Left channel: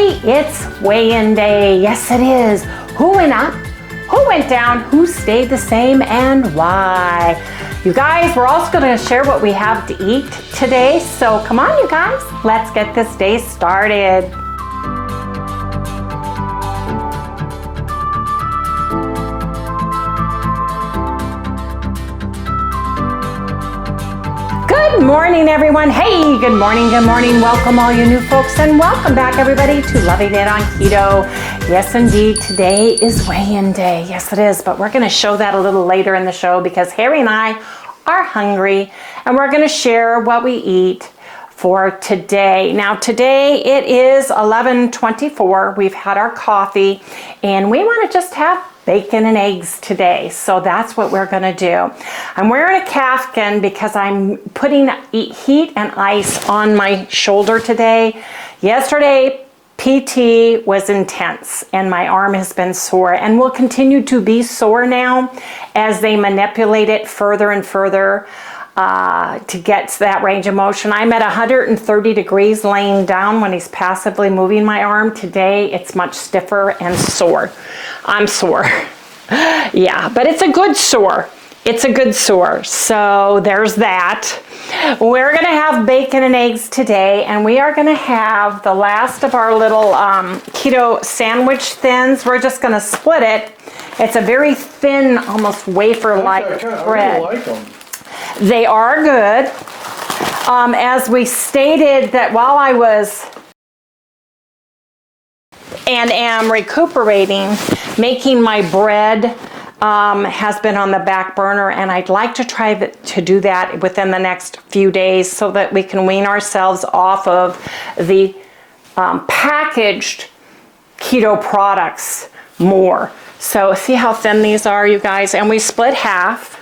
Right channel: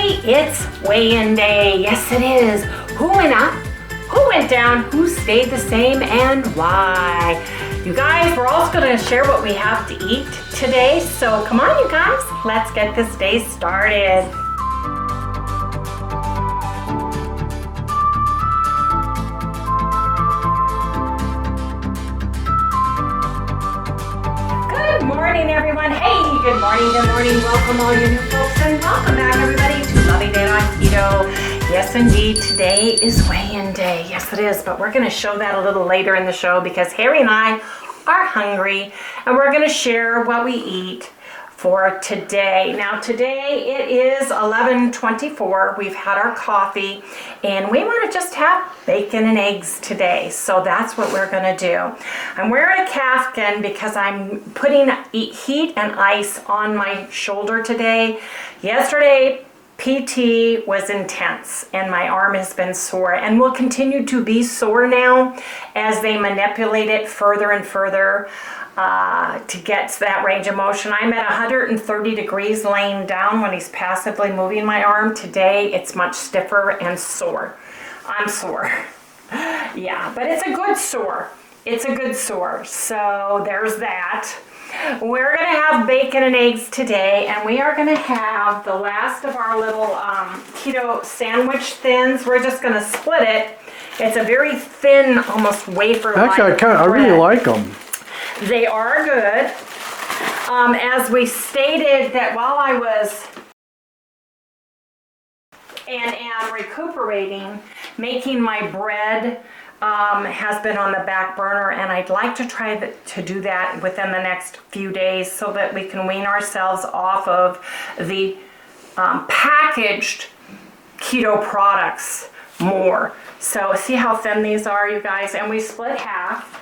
everybody, it's weigh-in day. Yes, it is. Who went up? Who went down? Who stayed the same and why? You guys, we're also going to share what we have to eat today. So come on, you guys, let's get this day started. Good morning, everyone. Hey, good morning, good morning. Welcome all you new folks and welcome back, everybody, to Loving It on Keto. Yes, indeed, today is weigh-in day. Yes, it is, but we're going to show that a little later in the show because Harry and I are hungry and we're going to share what we eat for today. Now, today it is 11:24. We've had our coffee and we want to just have bacon and eggs today. So that's what we're going to do. I'm wearing a caftan because I'm putting heat and ice on my shoulder today. Yesterday, PT was intense and my arm has been sore and will continue to be sore now as they manipulate it further and further to get to that range of motion. I'm at 130 degrees laying down when he's passively moving my arm. Today it's much stiffer and sore. I'm sore. Yeah, but it's a good sore. It's a good sore. So there's that. We're going to have bacon and eggs today, and we are going to have the last of our little keto sandwich thins. We're just going to split it. It's a very thin, almost wafer-like Actually, I really like them. They are good. As we stated that while I was and am recuperating, making my bread has been on the back burner, and I'd like to try to do that within the next few days so that we can wean ourselves off of the packaged keto products more. So see how thin these are, you guys? And we split half.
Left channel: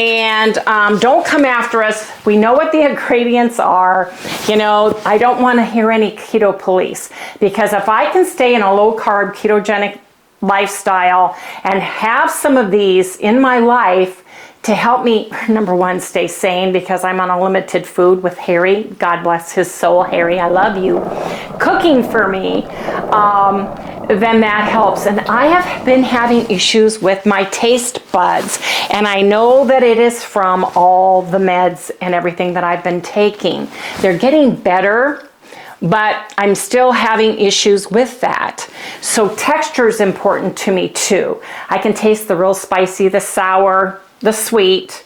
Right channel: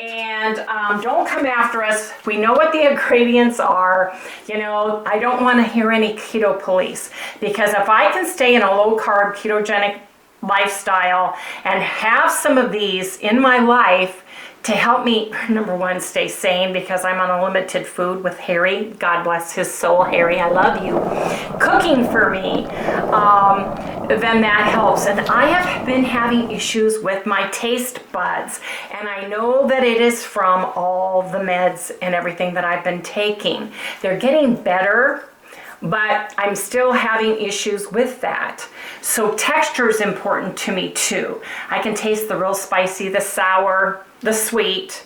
And don't come after us. We know what the ingredients are. You know, I don't want to hear any keto police, because if I can stay in a low carb ketogenic lifestyle and have some of these in my life to help me, number one, stay sane, because I'm on unlimited food with Harry. God bless his soul, Harry, I love you. Cooking for me, then that helps. And I have been having issues with my taste buds, and I know that it is from all the meds and everything that I've been taking. They're getting better, but I'm still having issues with that. So texture is important to me too. I can taste the real spicy, the sour, the sweet,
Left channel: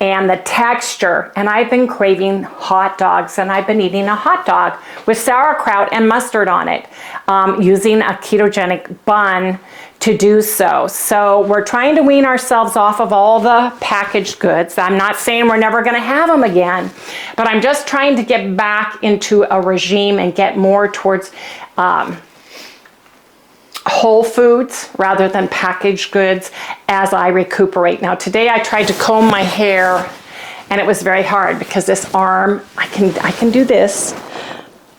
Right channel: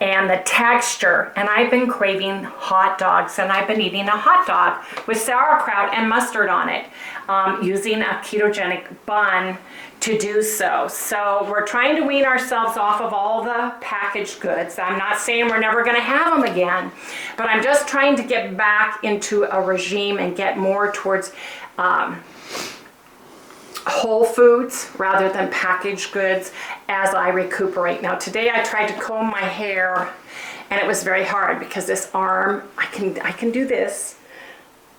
and the texture. And I've been craving hot dogs, and I've been eating a hot dog with sauerkraut and mustard on it, using a ketogenic bun to do so. So we're trying to wean ourselves off of all the packaged goods. I'm not saying we're never going to have them again, but I'm just trying to get back into a regime and get more towards whole foods rather than packaged goods as I recuperate. Now today I tried to comb my hair and it was very hard because this arm, I can do this,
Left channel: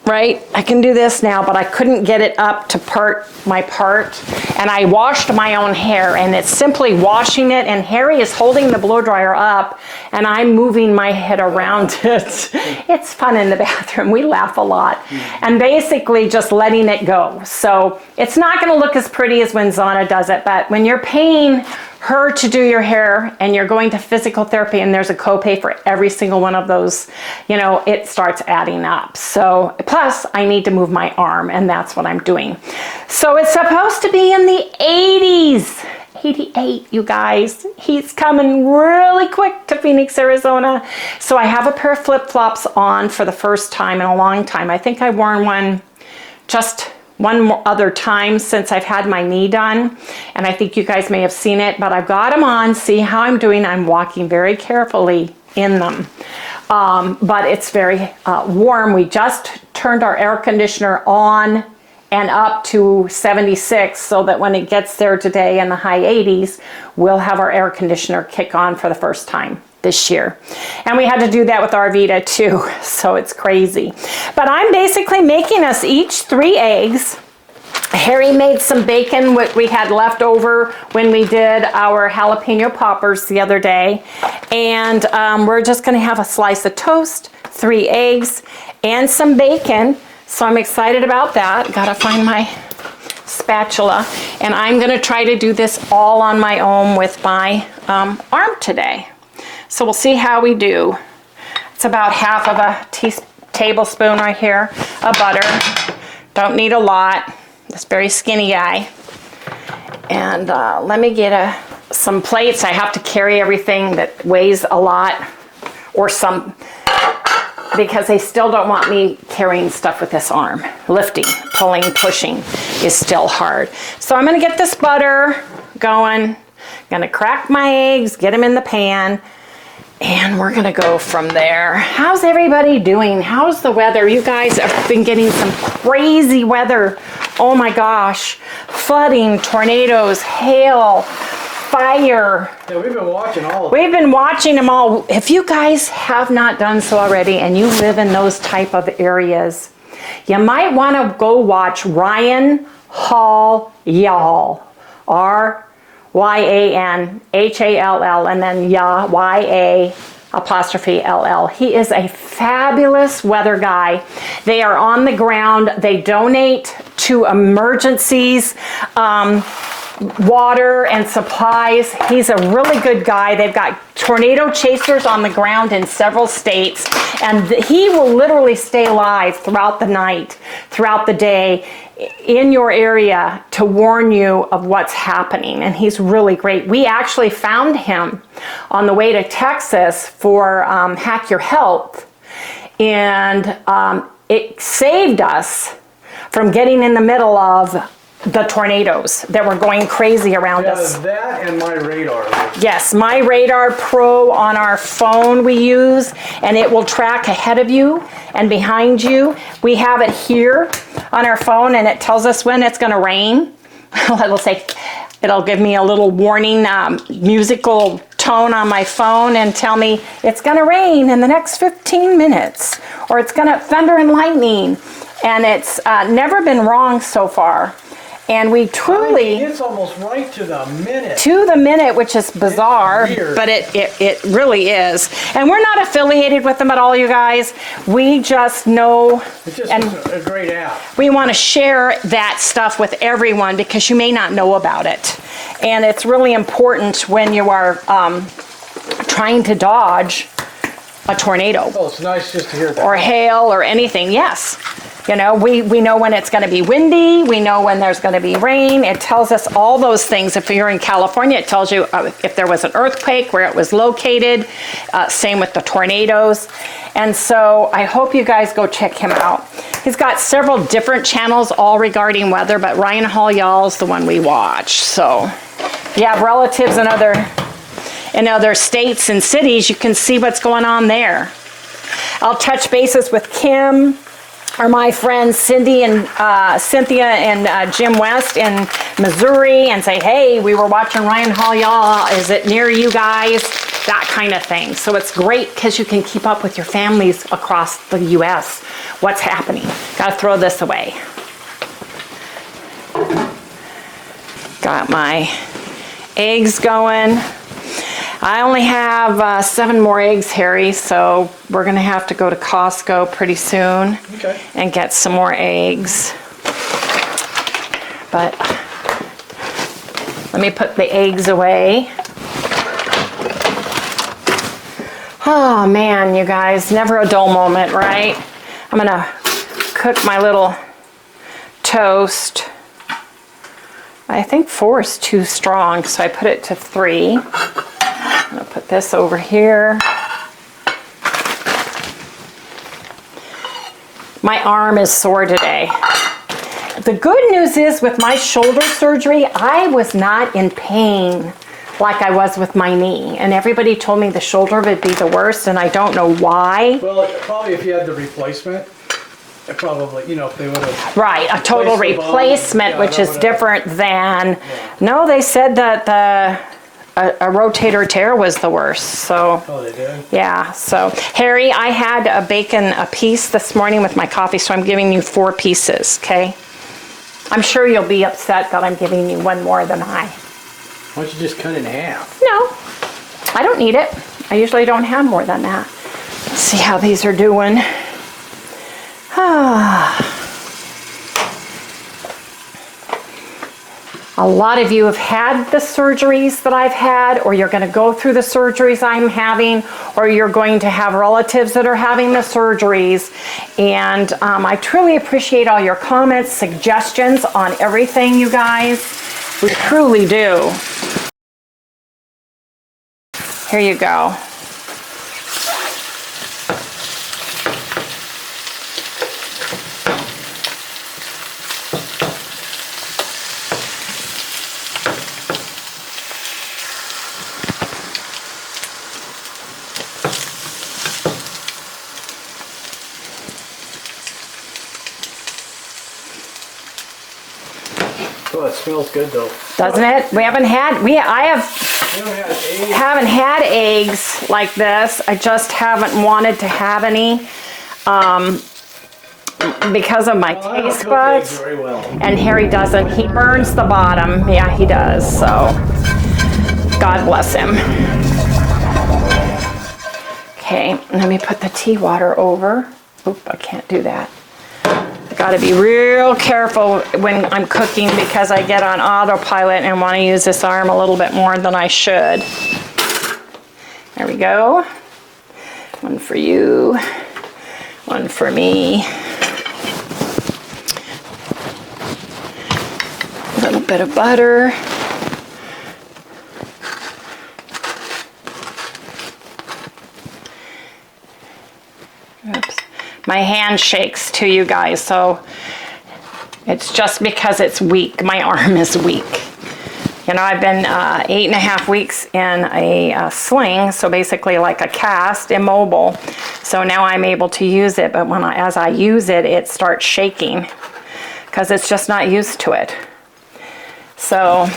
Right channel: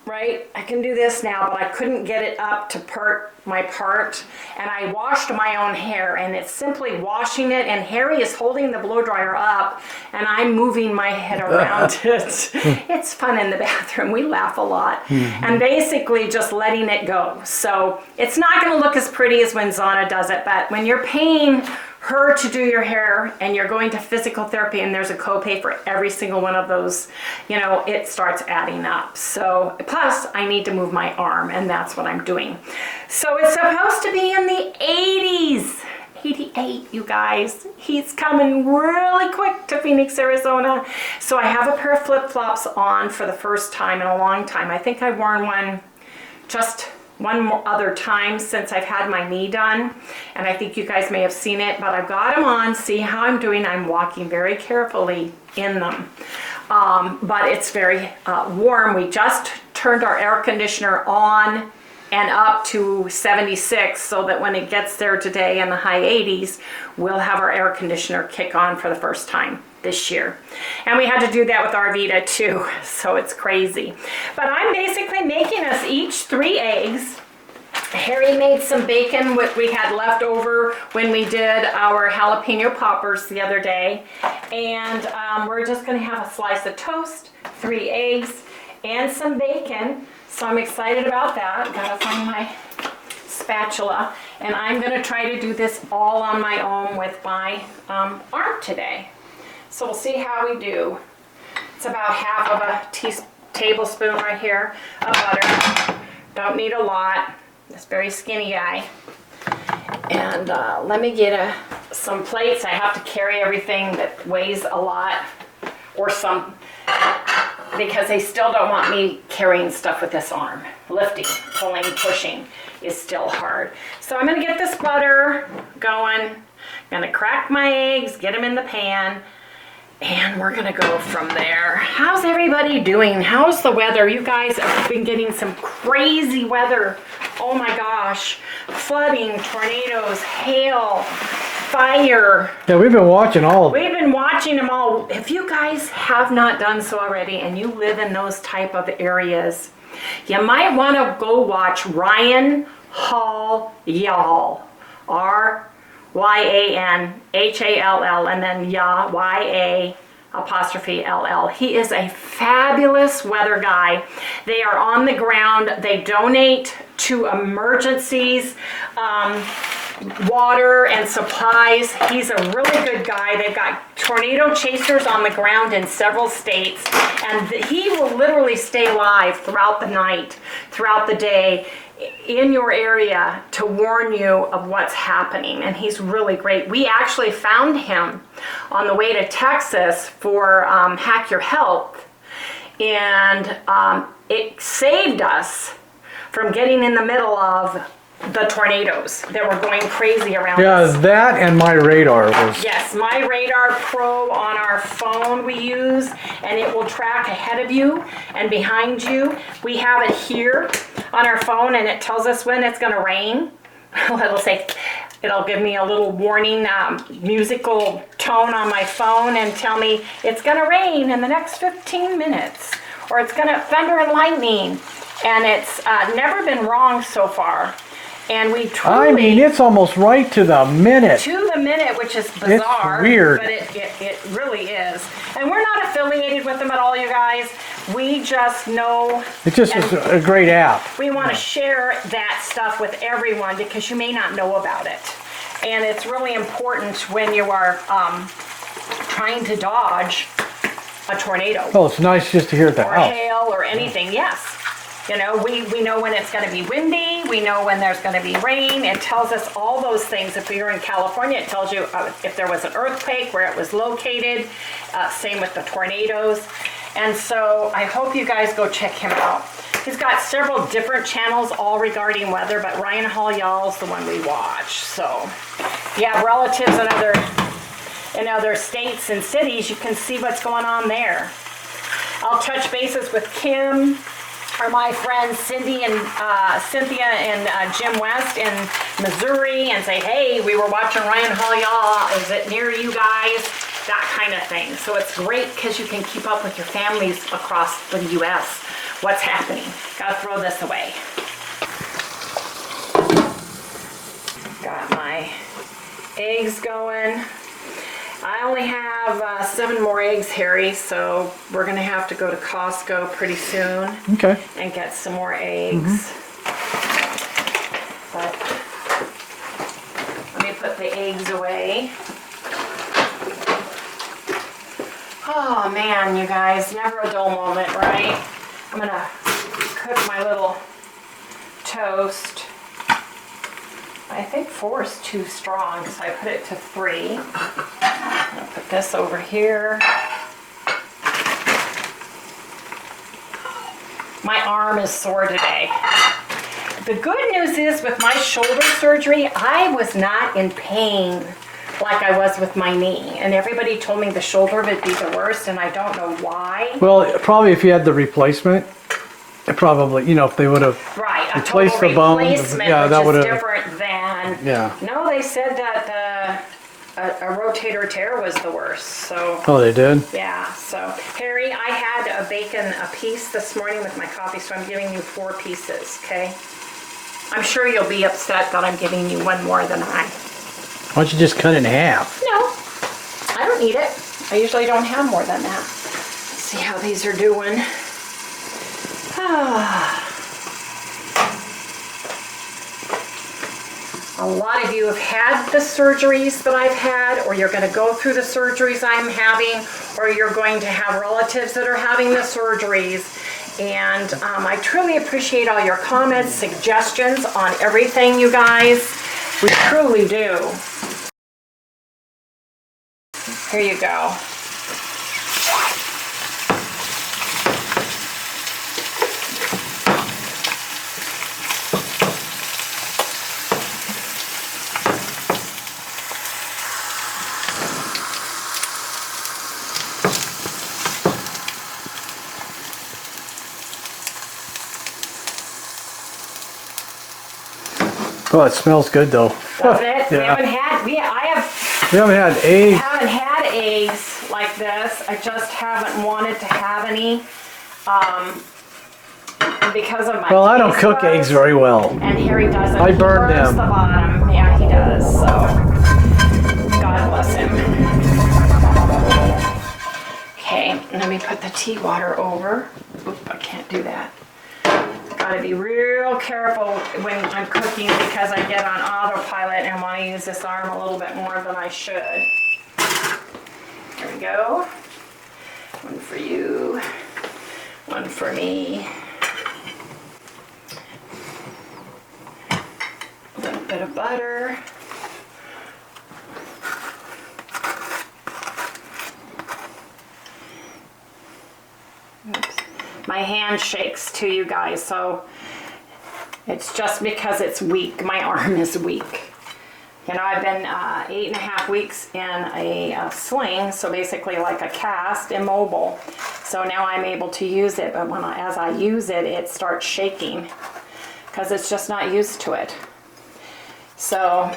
right? I can do this now, but I couldn't get it up to my part. And I washed my own hair, and it's simply washing it, and Harry is holding the blow dryer up and I'm moving my head around it. It's fun in the bathroom. We laugh a lot. And basically just letting it go. So it's not going to look as pretty as when Zana does it, but when you're paying her to do your hair and you're going to physical therapy and there's a copay for every single one of those, you know, it starts adding up. So plus I need to move my arm, and that's what I'm doing. So it's supposed to be in the 80s. 88, you guys. He's coming really quick to Phoenix, Arizona. So I have a pair of flip-flops on for the first time in a long time. I think I've worn one just one other time since I've had my knee done, and I think you guys may have seen it, but I've got them on. See how I'm doing. I'm walking very carefully in them, but it's very warm. We just turned our air conditioner on and up to 76, so that when it gets there today in the high 80s, we'll have our air conditioner kick on for the first time this year. And we had to do that with Arvita too, so it's crazy. But I'm basically making us each 3 eggs. Harry made some bacon, what we had left over when we did our jalapeno poppers the other day. And we're just gonna have a slice of toast, 3 eggs, and some bacon So I'm excited about that. Gotta find my spatula. And I'm gonna try to do this all on my own with my arm today. So we'll see how we do. It's about half of a tablespoon right here of butter. Don't need a lot. This very skinny guy. And let me get some plates. I have to carry everything that weighs a lot, or some, because they still don't want me carrying stuff with this arm. Lifting, pulling, pushing is still hard. So I'm gonna get this butter going. Gonna crack my eggs, get them in the pan, and we're gonna go from there. How's everybody doing? How's the weather? You guys have been getting some crazy weather. Oh my gosh. Flooding, tornadoes, hail, fire. Yeah, we've been watching all of them. We've been watching them all. If you guys have not done so already and you live in those type of areas, you might want to go watch Ryan Hall Y'all. R-Y-A-N-H-A-L-L, and then Y-A-'L-L. He is a fabulous weather guy. They are on the ground. They donate to emergencies, water and supplies. He's a really good guy. They've got tornado chasers on the ground in several states, and he will literally stay live throughout the night, throughout the day, in your area to warn you of what's happening. And he's really great. We actually found him on the way to Texas for Hack Your Health, and it saved us from getting in the middle of the tornadoes that were going crazy around us. Yeah, that and my radar was... Yes, my Radar Pro on our phone we use, and it will track ahead of you and behind you. We have it here on our phone, and it tells us when it's going to rain. It'll give me a little warning musical tone on my phone and tell me it's going to rain in the next 15 minutes, or it's going to thunder and lightning. And it's never been wrong so far. And we truly... I mean, it's almost right to the minute. To the minute, which is bizarre. It's weird. But it really is. And we're not affiliated with them at all, you guys. We just know... It's just a great app. We want to share that stuff with everyone because you may not know about it. And it's really important when you are trying to dodge a tornado. Oh, it's nice just to hear that. Or hail or anything, yes. You know, we know when it's going to be windy. We know when there's going to be rain. It tells us all those things. If you're in California, it tells you if there was an earthquake, where it was located. Same with the tornadoes. And so I hope you guys go check him out. He's got several different channels all regarding weather, but Ryan Hall Y'all is the one we watch. So if you have relatives in other states and cities, you can see what's going on there. I'll touch bases with Kim, or my friends Cynthia and Jim West in Missouri, and say, hey, we were watching Ryan Hall Y'all. Is it near you guys? That kind of thing. So it's great because you can keep up with your families across the U.S. What's happening. Gotta throw this away. Got my eggs going. I only have 7 more eggs, Harry, so we're going to have to go to Costco pretty soon. Okay. And get some more eggs. But let me put the eggs away. Oh man, you guys, never a dull moment, right? I'm going to cook my little toast. I think 4 is too strong, so I put it to 3. I'm going to put this over here. My arm is sore today. The good news is with my shoulder surgery, I was not in pain like I was with my knee. And everybody told me the shoulder would be the worst, and I don't know why. Well, probably if you had the replacement, it probably, you know, if they would have... Right, a total replacement, yeah, which is different than... Yeah. No, they said that a rotator tear was the worst, so... Oh, they did? Yeah, so... Harry, I had a bacon a piece this morning with my coffee, so I'm giving you 4 pieces, okay? I'm sure you'll be upset that I'm giving you 1 more than I. Why don't you just cut it in half? No, I don't need it. I usually don't have more than that. Let's see how these are doing. Ah. A lot of you have had the surgeries that I've had, or you're going to go through the surgeries I'm having, or you're going to have relatives that are having the surgeries. And I truly appreciate all your comments, suggestions on everything, you guys. We truly do. Here you go. Oh, it smells good though. Doesn't it? Yeah. We haven't had, We haven't had eggs. haven't had eggs like this. I just haven't wanted to have any because of my Well, I don't taste cook buds. eggs very well. And Harry doesn't. I He burn burns them. the bottom. Yeah, he does. So God bless him. Okay, let me put the tea water over. Oop, I can't do that. Got to be real careful when I'm cooking because I get on autopilot and want to use this arm a little bit more than I should. There we go. One for you, one for me. A little bit of butter. Oops. My hand shakes too, you guys, so it's just because it's weak. My arm is weak. You know, I've been 8.5 weeks in a sling, so basically like a cast, immobile. So now I'm able to use it, but as I use it, it starts shaking because it's just not used to it. So,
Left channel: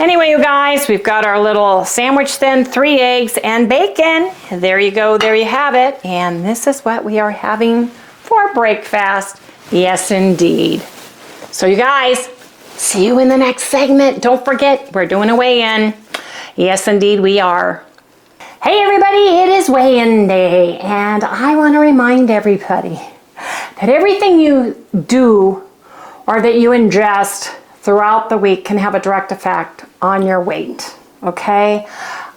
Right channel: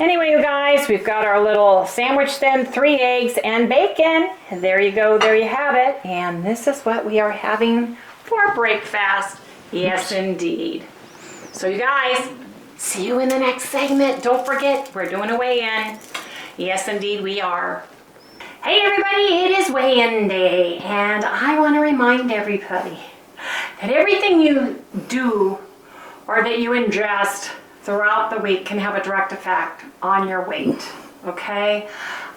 anyway, you guys, we've got our little sandwich then, 3 eggs and bacon. There you go, there you have it. And this is what we are having for breakfast. Yes, indeed. So you guys, see you in the next segment. Don't forget, we're doing a weigh-in. Yes, indeed, we are. Hey everybody, it is weigh-in day, and I want to remind everybody that everything you do or that you ingest throughout the week can have a direct effect on your weight, okay?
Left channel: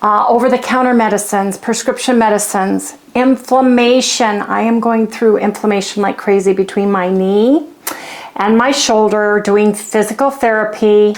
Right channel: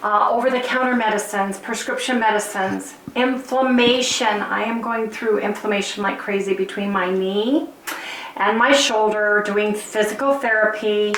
Over-the-counter medicines, prescription medicines, inflammation. I am going through inflammation like crazy between my knee and my shoulder, doing physical therapy,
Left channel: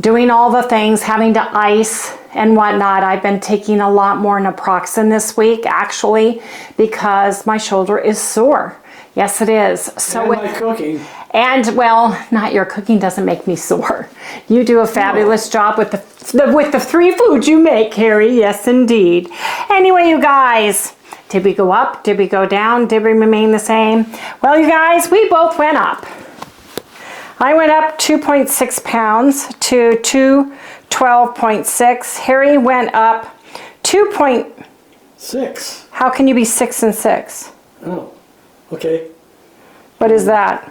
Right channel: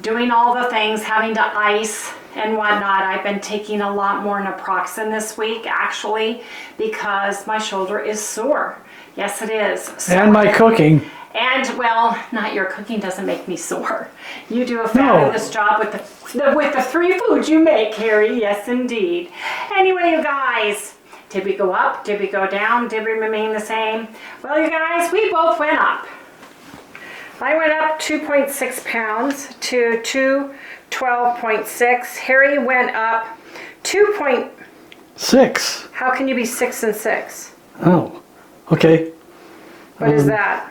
doing all the things, having to ice and whatnot. I've been taking a lot more naproxen this week, actually, because my shoulder is sore. Yes, it is. So And my cooking. And well, not your cooking doesn't make me sore. You do a fabulous job with the 3 foods you make, Harry. Yes, indeed. Anyway, you guys, did we go up? Did we go down? Did we remain the same? Well, you guys, we both went up. I went up 2.6 pounds to 212.6. Harry went up 6. How can you be 6 and 6? Oh, okay. What is that?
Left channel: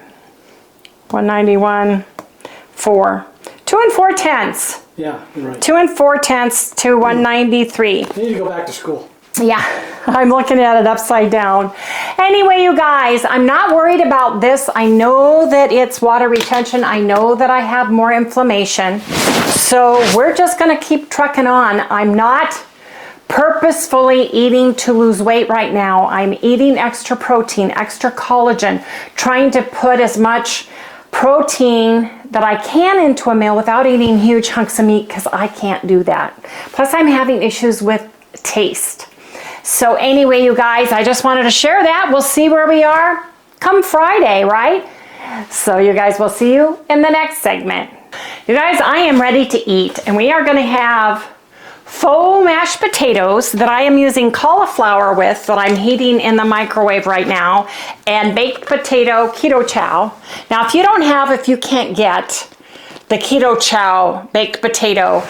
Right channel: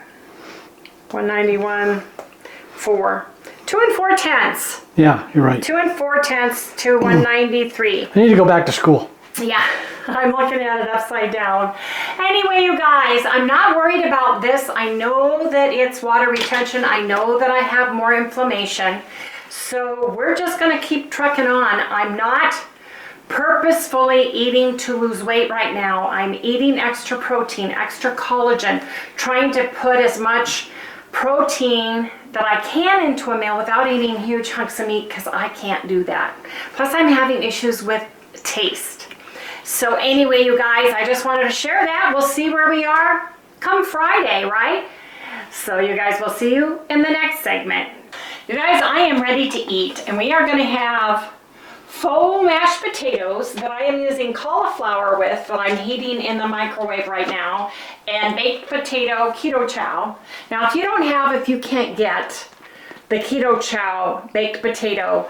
191, 4. 2 4/10. Yeah, you're right. 2 4/10 to 193. I need to go back to school. Yeah, I'm looking at it upside down. Anyway, you guys, I'm not worried about this. I know that it's water retention. I know that I have more inflammation. So we're just gonna keep trucking on. I'm not purposefully eating to lose weight right now. I'm eating extra protein, extra collagen, trying to put as much protein that I can into a meal without eating huge hunks of meat because I can't do that. Plus I'm having issues with taste. So anyway, you guys, I just wanted to share that. We'll see where we are come Friday, right? So you guys, we'll see you in the next segment. You guys, I am ready to eat, and we are going to have faux mashed potatoes that I am using cauliflower with that I'm heating in the microwave right now, and baked potato ketochow. Now, if you can't get the ketochow baked potato,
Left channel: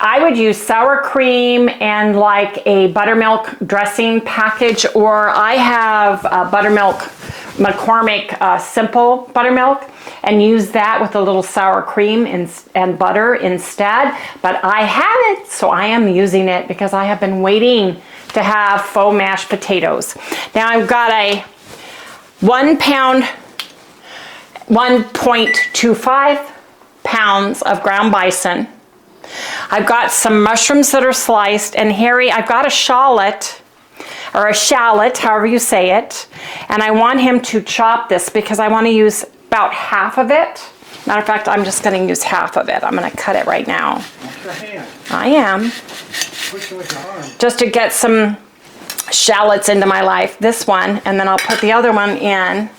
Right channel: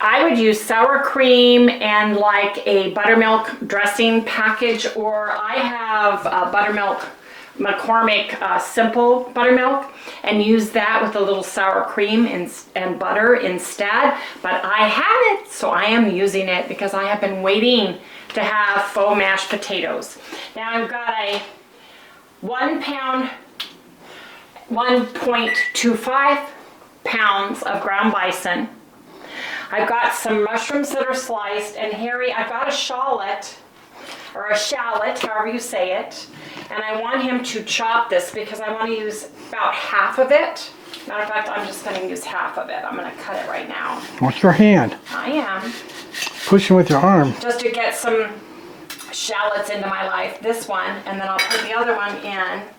I would use sour cream and like a buttermilk dressing package, or I have buttermilk, McCormick simple buttermilk, and use that with a little sour cream and butter instead. But I haven't, so I am using it because I have been waiting to have faux mashed potatoes. Now I've got a 1 pound, 1.25 pounds of ground bison. I've got some mushrooms that are sliced, and Harry, I've got a shallot, or a shallot, however you say it, and I want him to chop this because I want to use about half of it. Matter of fact, I'm just going to use half of it. I'm going to cut it right now. Watch your hand. I am. Pushing with your arm. Just to get some shallots into my life. This one, and then I'll put the other one in.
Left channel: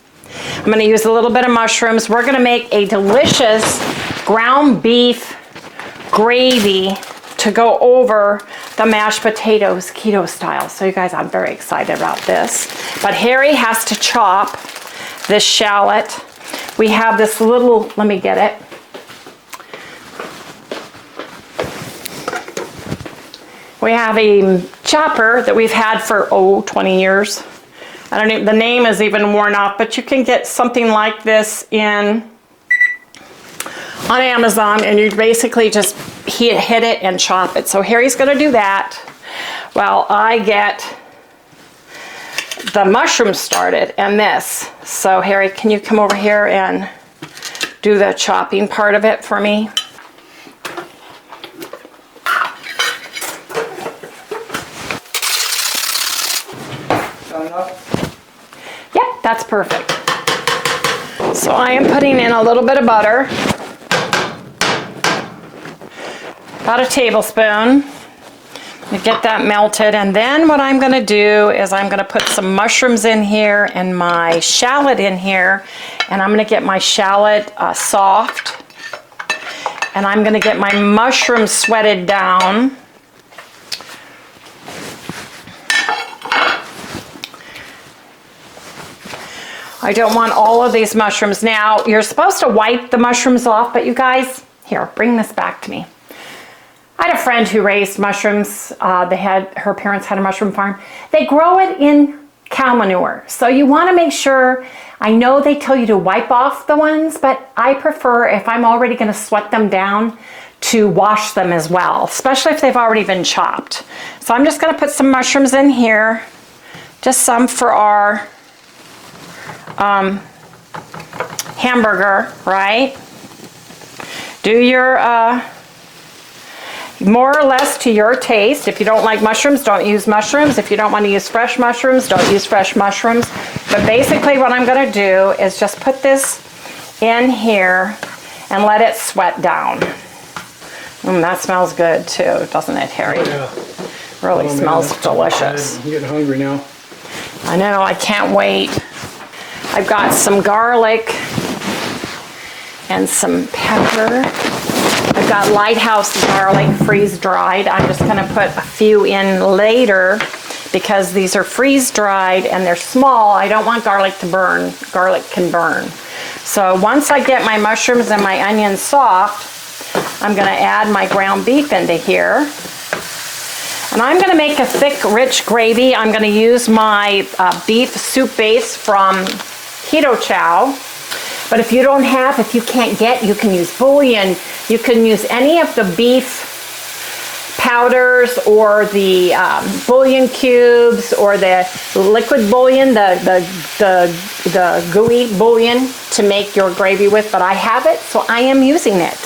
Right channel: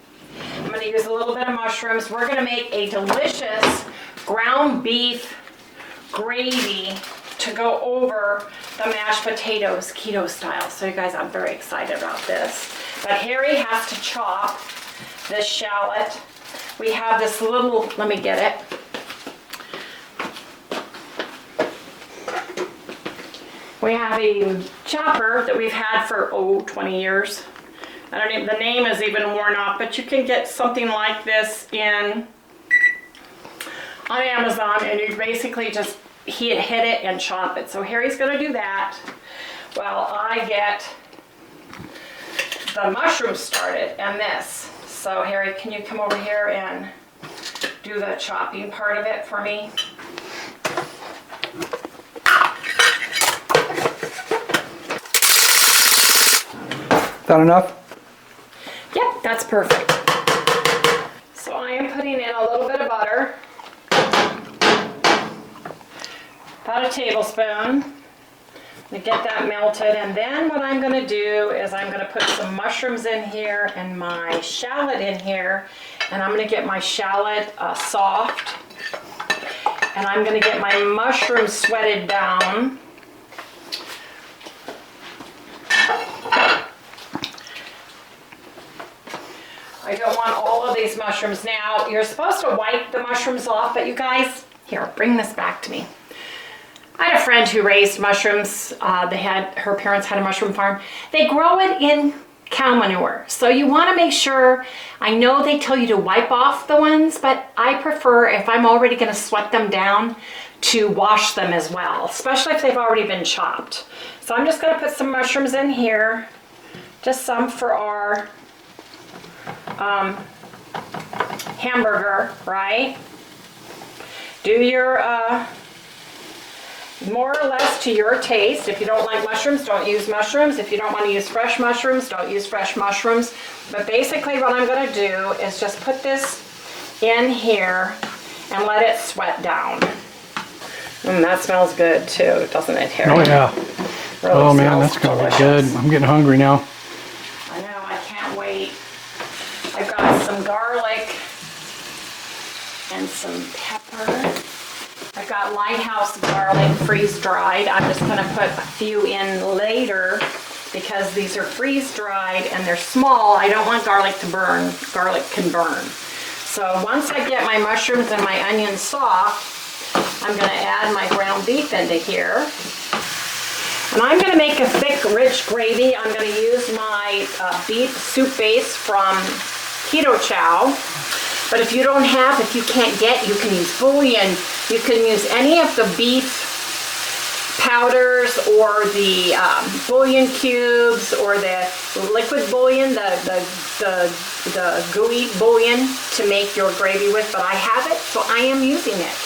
I'm going to use a little bit of mushrooms. We're going to make a delicious ground beef gravy to go over the mashed potatoes keto style. So you guys, I'm very excited about this. But Harry has to chop this shallot. We have this little, let me get it. We have a chopper that we've had for, 20 years. I don't even, the name is even worn off, but you can get something like this on Amazon, and you basically just hit it and chop it. So Harry's gonna do that while I get the mushrooms started and this. So Harry, can you come over here and do the chopping part of it for me? Is that enough? Yep, that's perfect. So I am putting in a little bit of butter. About a tablespoon. To get that melted, and then what I'm going to do is I'm going to put some mushrooms in here and my shallot in here, and I'm going to get my shallot soft, and I'm going to get my mushrooms sweated down. I don't want all of these mushrooms. Now, you're supposed to wipe the mushrooms off, but you guys, here, bring this back to me. I had a friend who raised mushrooms. Her parents had a mushroom farm. They grow it in cow manure. So you want to make sure, I know they tell you to wipe off the ones, but I prefer, if I'm already going to sweat them down, to wash them as well, especially if they've already been chopped. So I'm just going to put some mushrooms in here, just some for our hamburger, right? Do your more or less to your taste. If you don't like mushrooms, don't use mushrooms. If you don't want to use fresh mushrooms, don't use fresh mushrooms. But basically what I'm going to do is just put this in here and let it sweat down. That smells good too, doesn't it, Harry? Oh yeah. Really smells delicious. Good. I'm getting hungry now. I know, I can't wait. I've got some garlic and some pepper. I've got Lighthouse garlic freeze dried. I'm just gonna put a few in later because these are freeze dried and they're small. I don't want garlic to burn. Garlic can burn. So once I get my mushrooms and my onions soft, I'm gonna add my ground beef into here. And I'm gonna make a thick, rich gravy. I'm gonna use my beef soup base from KetoChow. But if you don't have, if you can't get, you can use bouillon. You can use any of the beef powders or the bouillon cubes or the liquid bouillon, the gooey bouillon to make your gravy with. But I have it, so I am using it.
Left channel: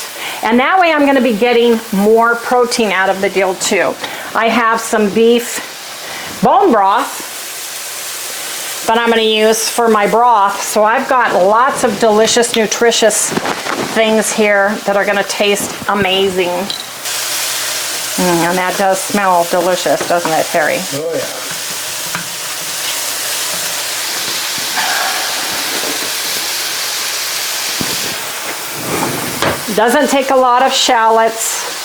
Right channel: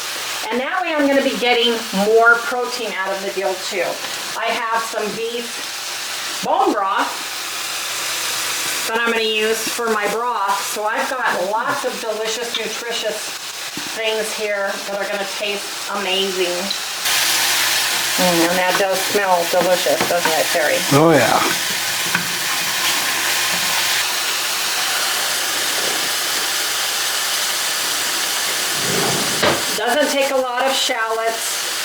And that way I'm going to be getting more protein out of the deal too. I have some beef bone broth that I'm going to use for my broth. So I've got lots of delicious, nutritious things here that are going to taste amazing. And that does smell delicious, doesn't it, Terry? Oh yeah. Doesn't take a lot of shallots.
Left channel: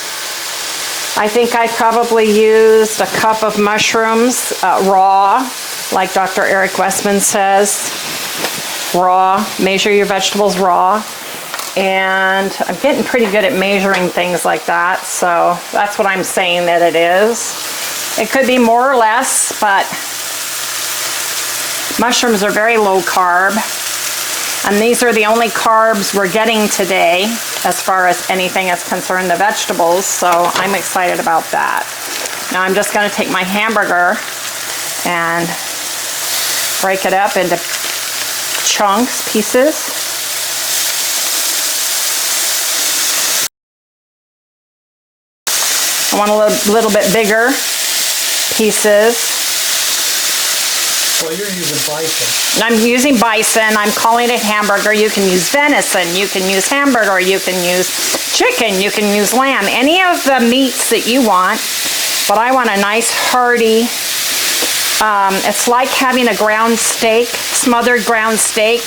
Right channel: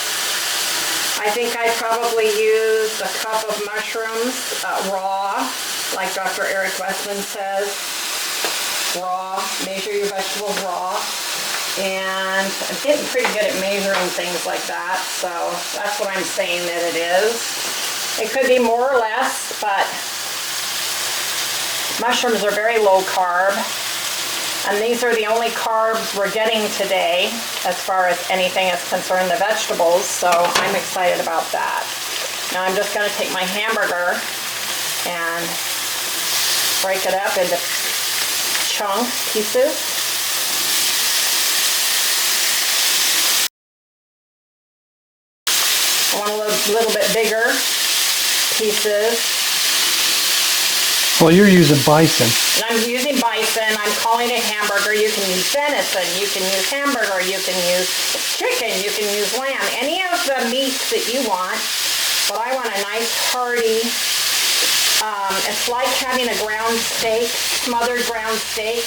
I think I probably used a cup of mushrooms raw, like Dr. Eric Westman says. Raw, measure your vegetables raw. And I'm getting pretty good at measuring things like that, so that's what I'm saying that it is. It could be more or less, but mushrooms are very low carb. And these are the only carbs we're getting today as far as anything is concerned, the vegetables, so I'm excited about that. Now I'm just going to take my hamburger and break it up into chunks, pieces. I want a little bit bigger pieces. Well, you're using bison. I'm using bison. I'm calling it hamburger. You can use venison. You can use hamburger. You can use chicken. You can use lamb. Any of the meats that you want. But I want a nice hearty, it's like having a ground steak, smothered ground steak,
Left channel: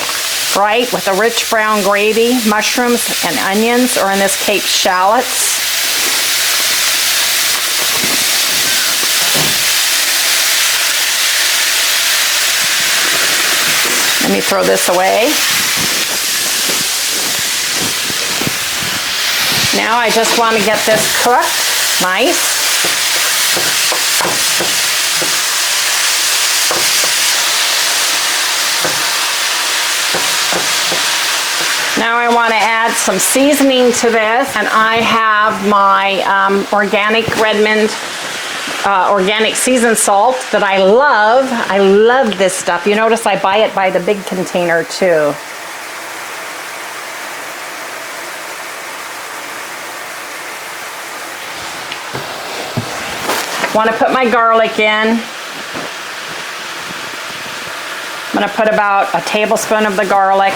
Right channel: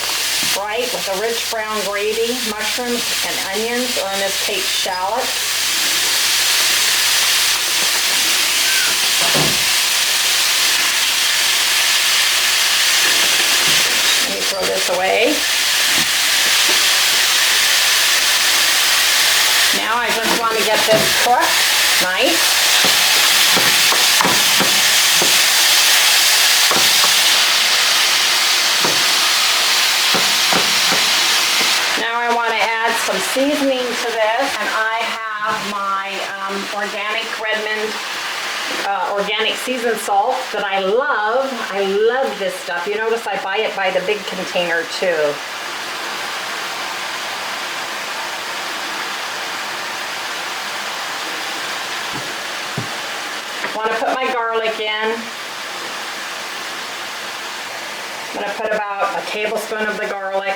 right? With a rich brown gravy, mushrooms and onions, or in this case, shallots. Let me throw this away. Now I just want to get this cooked nice. Now I want to add some seasoning to this, and I have my organic Redmond organic seasoned salt that I love. I love this stuff. You notice I buy it by the big container too. Want to put my garlic in. I'm going to put about a tablespoon of the garlic.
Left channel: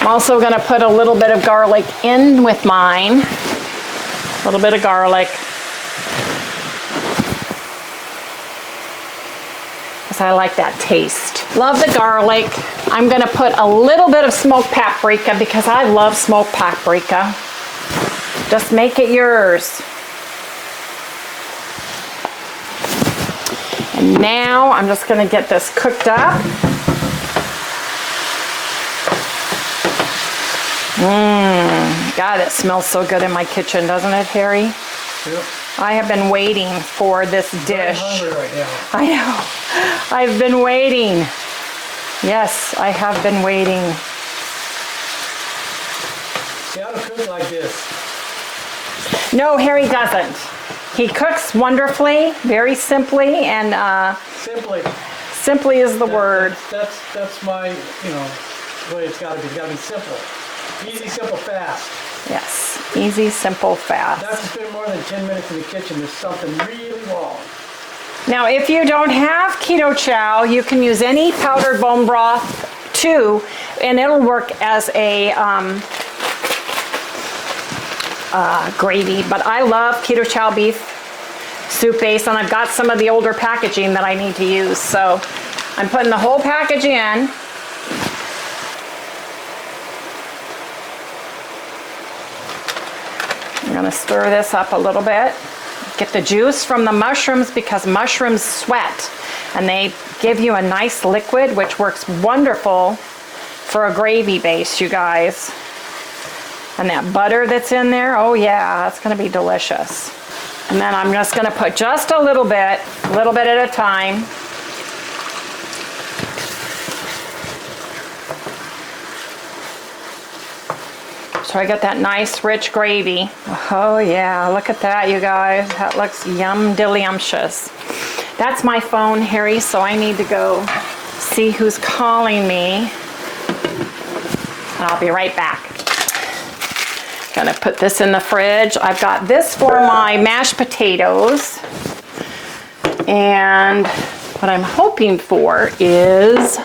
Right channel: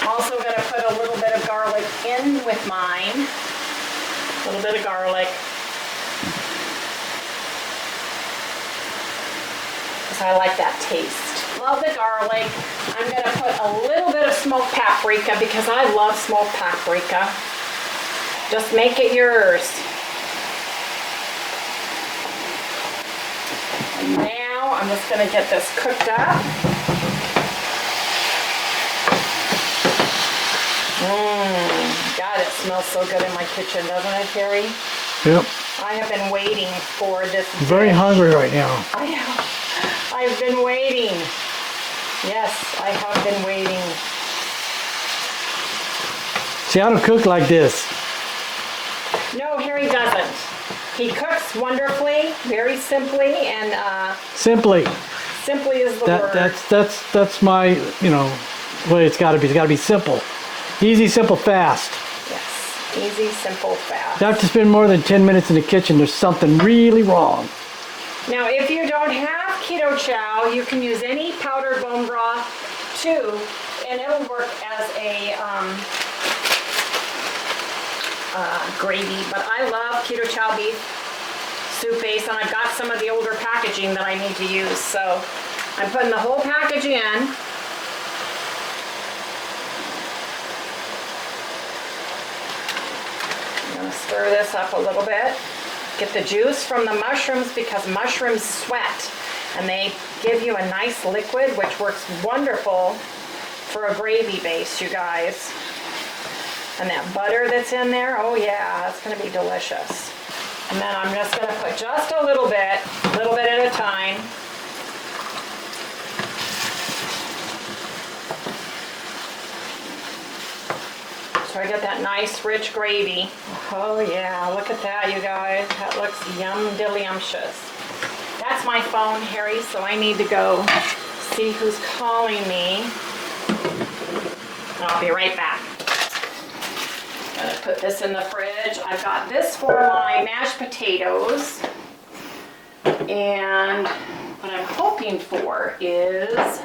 I'm also going to put a little bit of garlic in with mine. A little bit of garlic. Because I like that taste. Love the garlic. I'm going to put a little bit of smoked paprika because I love smoked paprika. Just make it yours. And now I'm just going to get this cooked up. God, it smells so good in my kitchen, doesn't it, Harry? Yep. I have been waiting for this dish. Very hungry right now. I know. I've been waiting. Yes, I have been waiting. See, I don't cook like this. No, Harry doesn't. He cooks wonderfully, very simply, and Simply. simply is the word. That's my, you know, way it's got to be. It's got to be simple. Easy, simple, fast. Yes, easy, simple, fast. If I have to spend more than 10 minutes in the kitchen, there's something really wrong. Now, if you don't have keto chow, you can use any powdered bone broth too, and it'll work as a gravy. But I love keto chow beef soup base, and I've got some of the older packaging that I need to use. So I'm putting the whole package in. I'm going to stir this up a little bit. Get the juice from the mushrooms because mushrooms sweat and they give you a nice liquid which works wonderful for a gravy base, you guys. And that butter that's in there, oh yeah, that's going to be delicious. And then I'm just going to put just a little bit at a time. So I got that nice rich gravy. Oh yeah, look at that, you guys. That looks yum-dilliumptious. That's my phone, Harry, so I need to go see who's calling me. And I'll be right back. Gonna put this in the fridge. I've got this for my mashed potatoes. And what I'm hoping for is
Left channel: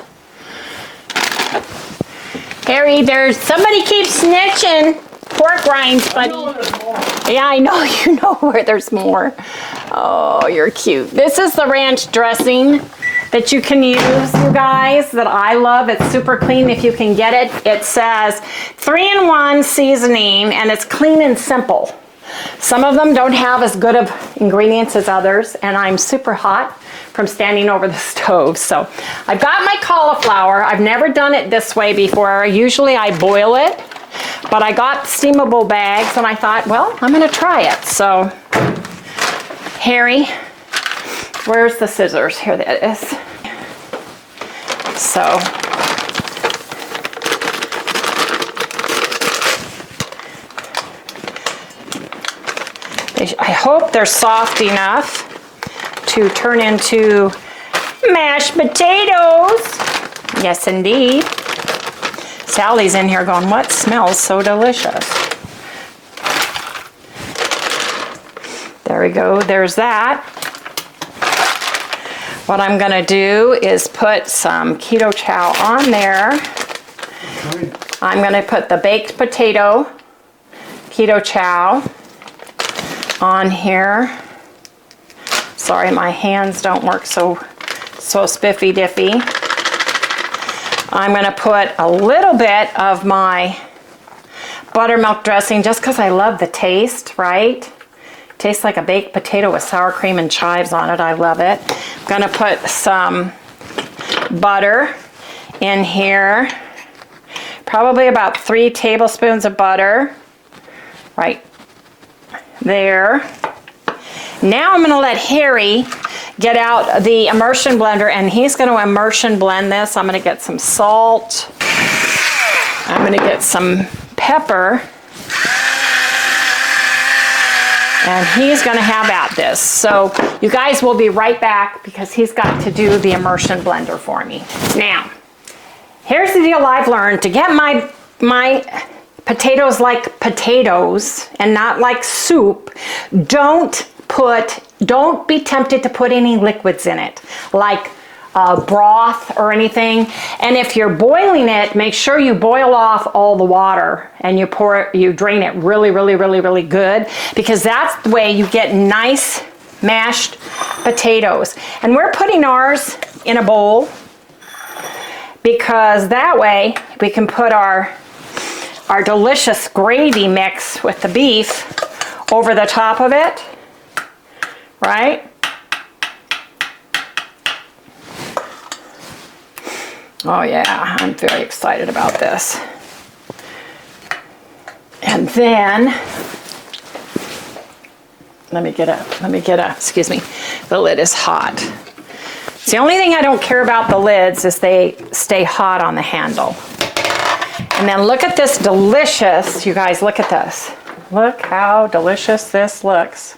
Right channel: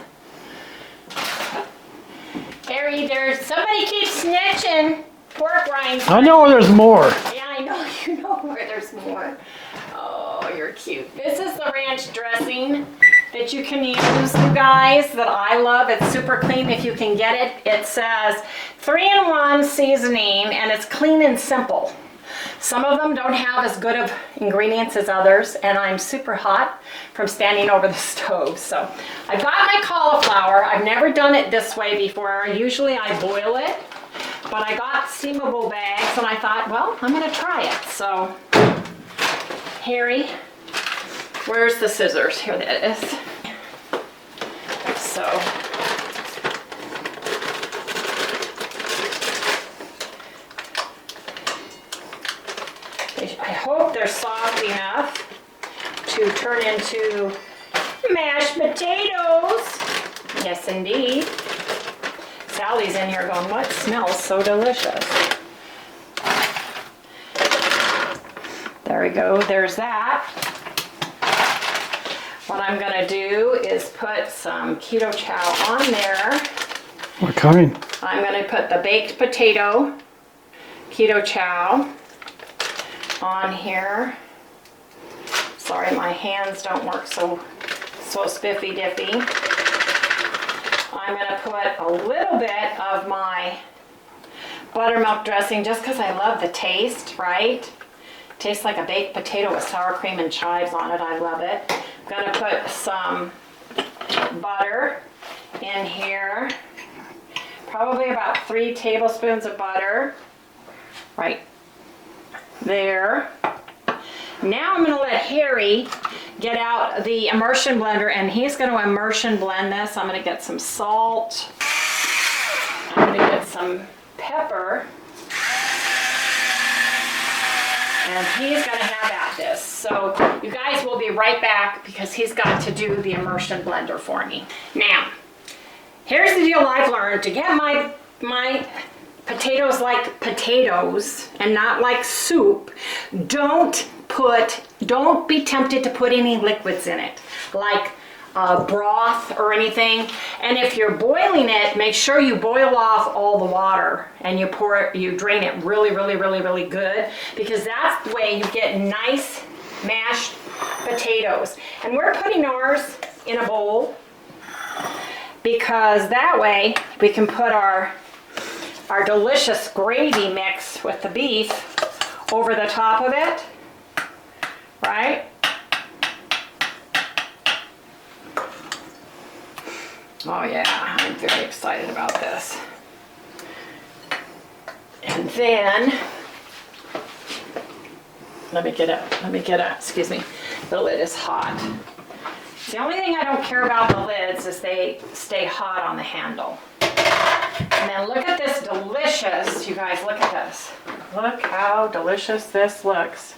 Harry, there's somebody keeps snitching pork rinds. I know there's more. Yeah, I know you know where there's more. Oh, you're cute. This is the ranch dressing that you can use, you guys, that I love. It's super clean if you can get it. It says 3-in-1 seasoning, and it's clean and simple. Some of them don't have as good of ingredients as others, and I'm super hot from standing over the stove. So I've got my cauliflower. I've never done it this way before. Usually I boil it, but I got steamable bags and I thought, well, I'm gonna try it. So, Harry, where's the scissors? Here that is. So, I hope they're soft enough to turn into mashed potatoes. Yes, indeed. Sally's in here going, what smells so delicious? There we go, there's that. What I'm gonna do is put some keto chow on there. What kind? I'm gonna put the baked potato keto chow on here. Sorry, my hands don't work so spiffy diffy. I'm gonna put a little bit of my buttermilk dressing just because I love the taste, right? Tastes like a baked potato with sour cream and chives on it. I love it. I'm gonna put some butter in here. Probably about 3 tablespoons of butter. Right there. Now I'm gonna let Harry get out the immersion blender and he's gonna immersion blend this. I'm gonna get some salt. I'm gonna get some pepper. And he's gonna have at this. So you guys will be right back because he's got to do the immersion blender for me. Now, here's the deal I've learned. To get my potatoes like potatoes and not like soup, don't be tempted to put any liquids in it, like broth or anything. And if you're boiling it, make sure you boil off all the water and you drain it really good, because that's the way you get nice mashed potatoes. And we're putting ours in a bowl because that way we can put our delicious gravy mix with the beef over the top of it, right? Oh yeah, I'm very excited about this. And then, let me get a, excuse me, the lid is hot. It's the only thing I don't care about the lids is they stay hot on the handle. And then look at this delicious, you guys, look at this. Look how delicious this looks.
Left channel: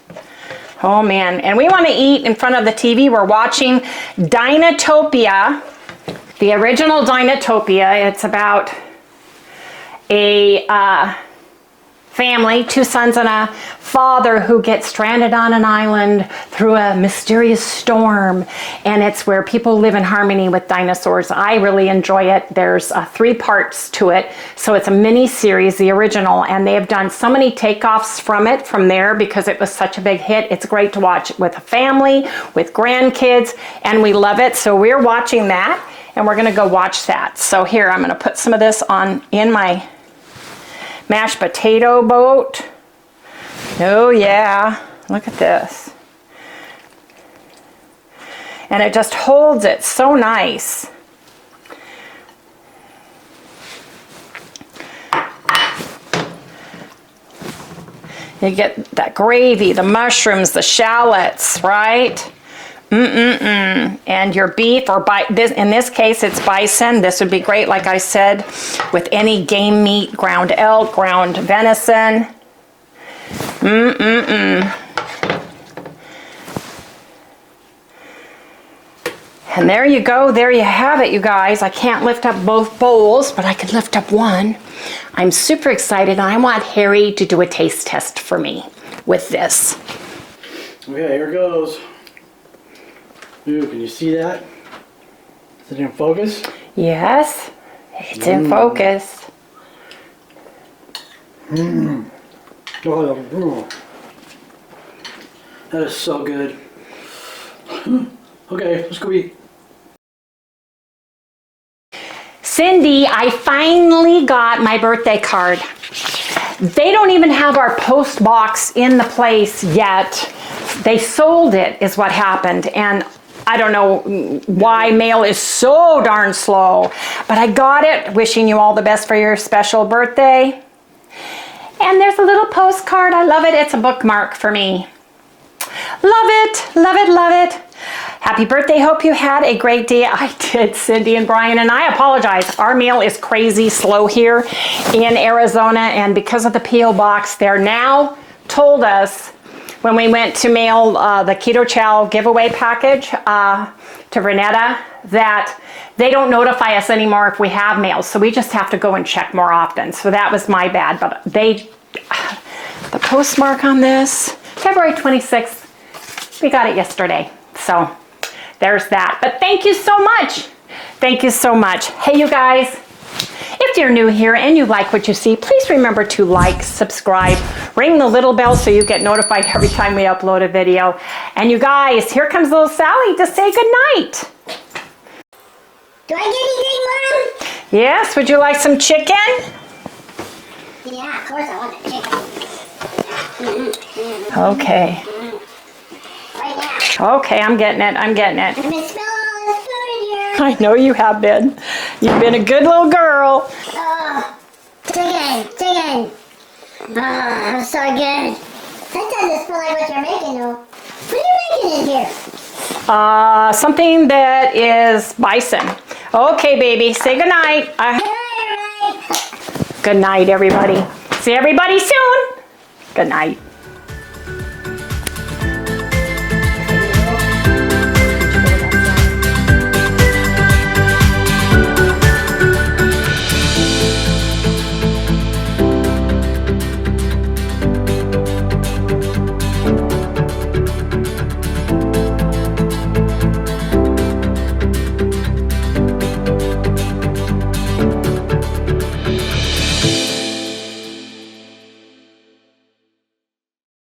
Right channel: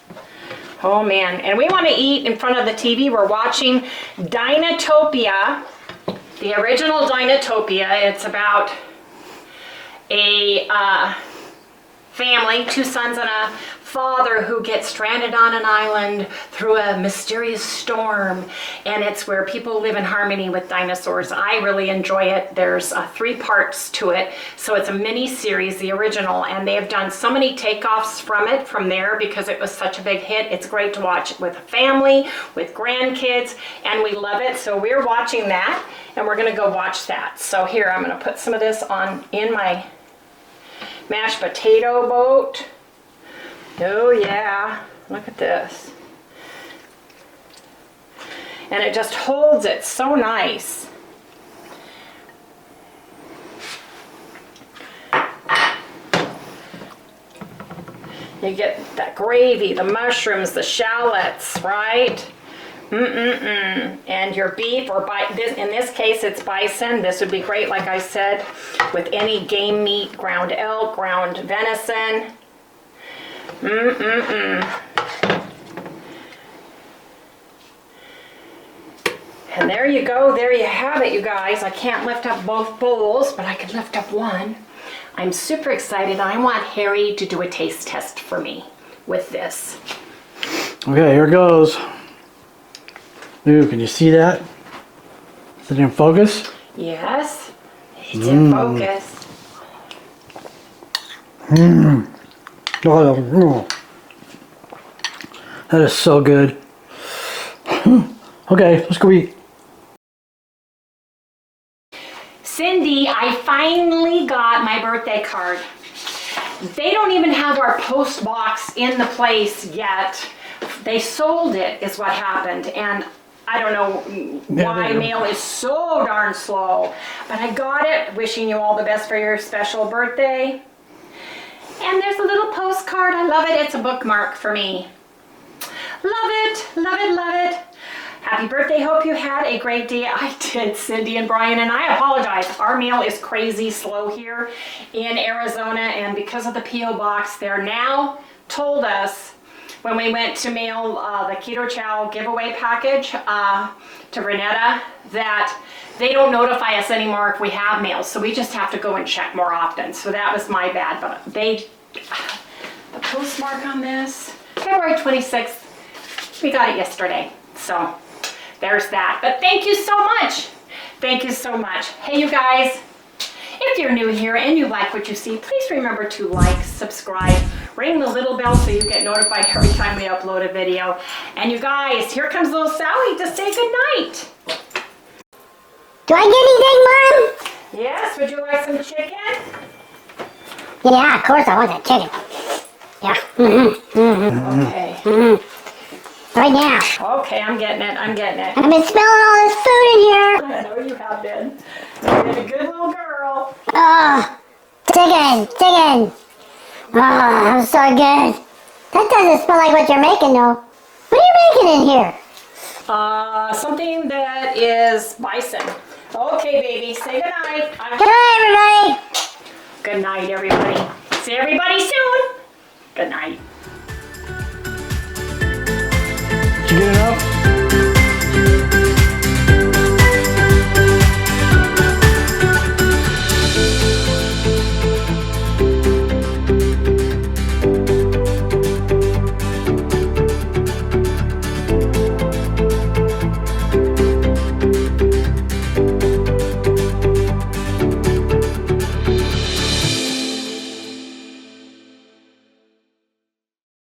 Oh man, and we want to eat in front of the TV. We're watching Dinotopia. The original Dinotopia. It's about a family, 2 sons and a father who get stranded on an island through a mysterious storm, and it's where people live in harmony with dinosaurs. I really enjoy it. There's 3 parts to it, so it's a mini series, the original, and they have done so many takeoffs from there because it was such a big hit. It's great to watch with a family, with grandkids, and we love it. So we're watching that, and we're gonna go watch that. So here, I'm gonna put some of this on in my mashed potato boat. Oh yeah, look at this. And it just holds it so nice. You get that gravy, the mushrooms, the shallots, right? And your beef, or in this case it's bison. This would be great, like I said, with any game meat, ground elk, ground venison. And there you go, there you have it, you guys. I can't lift up both bowls, but I can lift up one. I'm super excited, and I want Harry to do a taste test for me with this. Okay, here it goes. Ooh, can you see that? Is it in focus? Yes, it's in focus. Oh, that is so good. Okay, let's go eat. Cindy, I finally got my birthday card. They don't even have our post box in the place yet. They sold it, is what happened. And I don't know why mail is so darn slow, but I got it. Wishing you all the best for your special birthday. And there's a little postcard. I love it. It's a bookmark for me. Love it, love it, love it. Happy birthday. Hope you had a great day. I did, Cindy and Brian, and I apologize. Our mail is crazy slow here in Arizona, and because of the P.O. box, they're now told us when we went to mail the Keto Chow giveaway package to Renetta, that they don't notify us anymore if we have mail, so we just have to go and check more often. So that was my bad, but the postmark on this, February 26th, we got it yesterday. So there's that. But thank you so much. Thank you so much. Hey, you guys, if you're new here and you like what you see, please remember to like, subscribe, ring the little bell so you get notified every time we upload a video. And you guys, here comes little Sally to say goodnight. Do I get anything, Mom? Yes, would you like some chicken? Yeah, of course I want that chicken. Yeah. Okay. Right now. Okay, I'm getting it. I'm getting it. I've been smelling all this food in here. I know you have been. You've been a good little girl. Oh, chicken. Oh, so good. That doesn't smell like what you're making, though. What are you making in here? Something that is bison. Okay, baby. Say goodnight. Good night, everybody. Good night, everybody. See everybody soon. Good night. Get it up.